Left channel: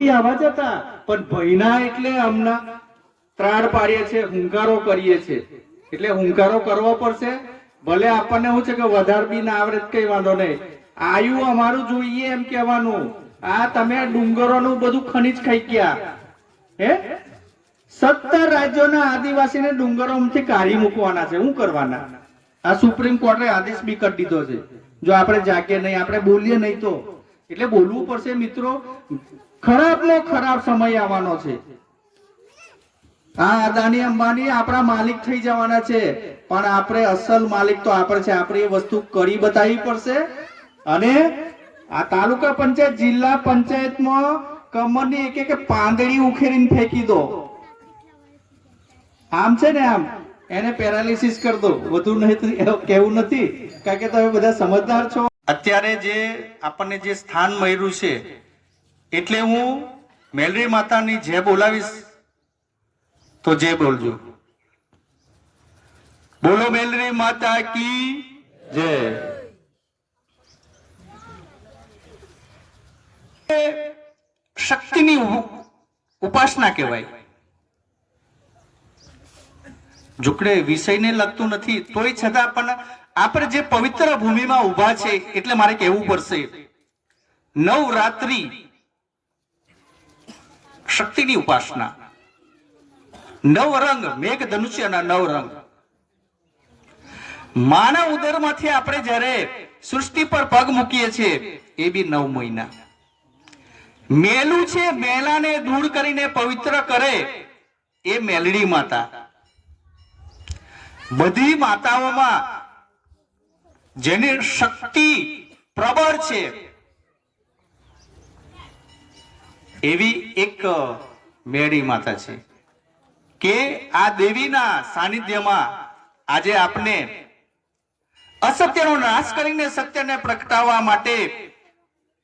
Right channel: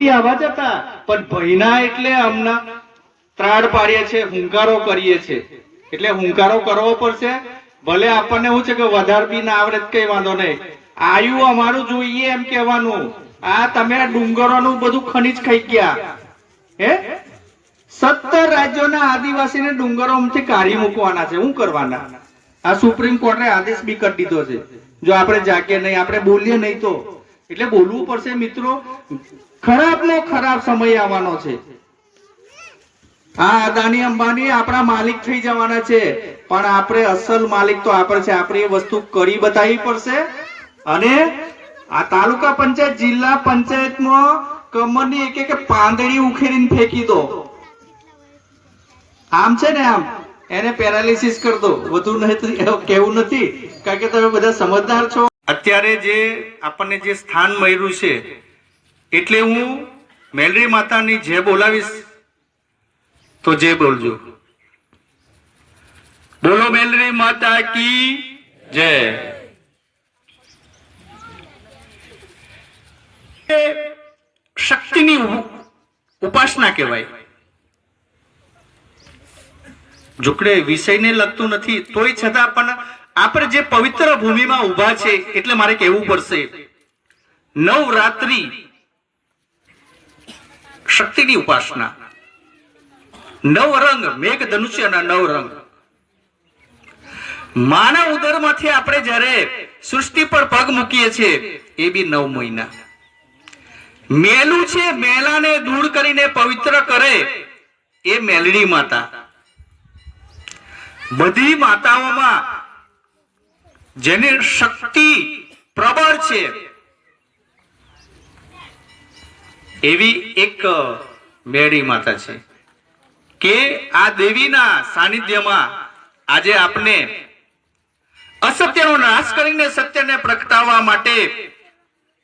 આવા જતા પણ ભયના એટલે હમણાં ત્રાડ પાડીએ છે, હુંકારો કરીએ છે, એટલે હુંકારો કરવો પડશે. ભલે આપણને શું છે કે વધારે બી ના આવડે કઈ વાંધો નહીં, આયુ અમારું જોઈએ એમ કહેવાનું. આ તમે ડુંગરોનું બધું ખનીજ ખાઈ ગયા હે. 17 રાજ્યોના આદિવાસીને ડુંગરોમાંથી કાઢી મૂકવાના છે. શું કરવાના? આ સુપ્રીમ કોર્ટે આદેશ બી કરી દીધો છે. જો આપણે જાગીએ નહીં, આપણે બોલીએ નહીં તો એટલે બોલવું પડશે મિત્રો. ખરાબનો ખરાબ સમય આવવાનો છે. આ અદાણી અંબાણી આપણા માલિક થઈ જવાના છે, પણ આપણે અસલ માલિક તો આપણે છે. આપણે એ વસ્તુ કરી બતાવવી પડશે. અને આ તાલુકા પંચાયત, જિલ્લા પંચાયતમાં કમરની એક પાંદડી ઉખેરીને ફેંકી દો. આમ છે ને, આમ એને પેરાલિસિસ કરી દો. વધુ નહીં કેવું નથી, કારણ કે તમે બધા સમજદાર છો. અત્યારે જે આપણને જે સ્થાન મળ્યું છે, એટલે હું મેલડી માતાની જય બોલાવીશ તો જય બોલજો. બોલો મેલડી માતા કી જય. શક્તિની ઉપાસના કહેવાય. જોકડે વિષયને લગતું નથી, તોય છતાં પણ આપણે જે પવિત્ર ભૂમિમાં ઉભા છે, એટલે મારે કહેવું પડશે. નવરાત્રી શક્તિની ઉપાસના, નવરંગ, મેઘ ધનુષ્યના નવરંગ. માનવ ઉદરમાંથી આપણે જ્યારે સૃષ્ટિ પર પગ મૂકીએ છીએ, એ બી 9 મહિના. મેલું છે, મેલાને દૂર કરીને પવિત્ર કરે એ મેલડી માતા. બધી માતાઓમાં જેની શક્તિ પ્રબળ છે, એવી એક મેલડી માતા છે કે આ દેવીના સાનિધ્યમાં આજે આપણે અસત્યનો નાશ કરીને સત્યને પ્રગટાવવા માટે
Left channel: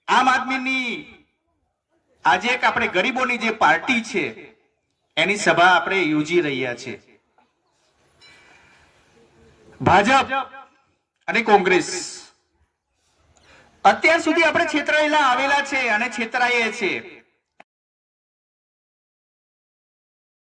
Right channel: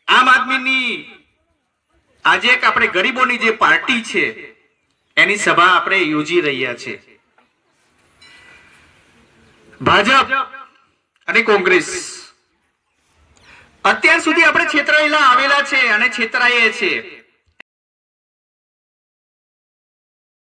આમ આદમીની આજે એક આપણે ગરીબોની જે પાર્ટી છે, એની સભા આપણે યોજી રહ્યા છે. ભાજપ અને કોંગ્રેસ અત્યાર સુધી આપણે છેતરાયેલા આવેલા છે અને છેતરાઈએ છીએ.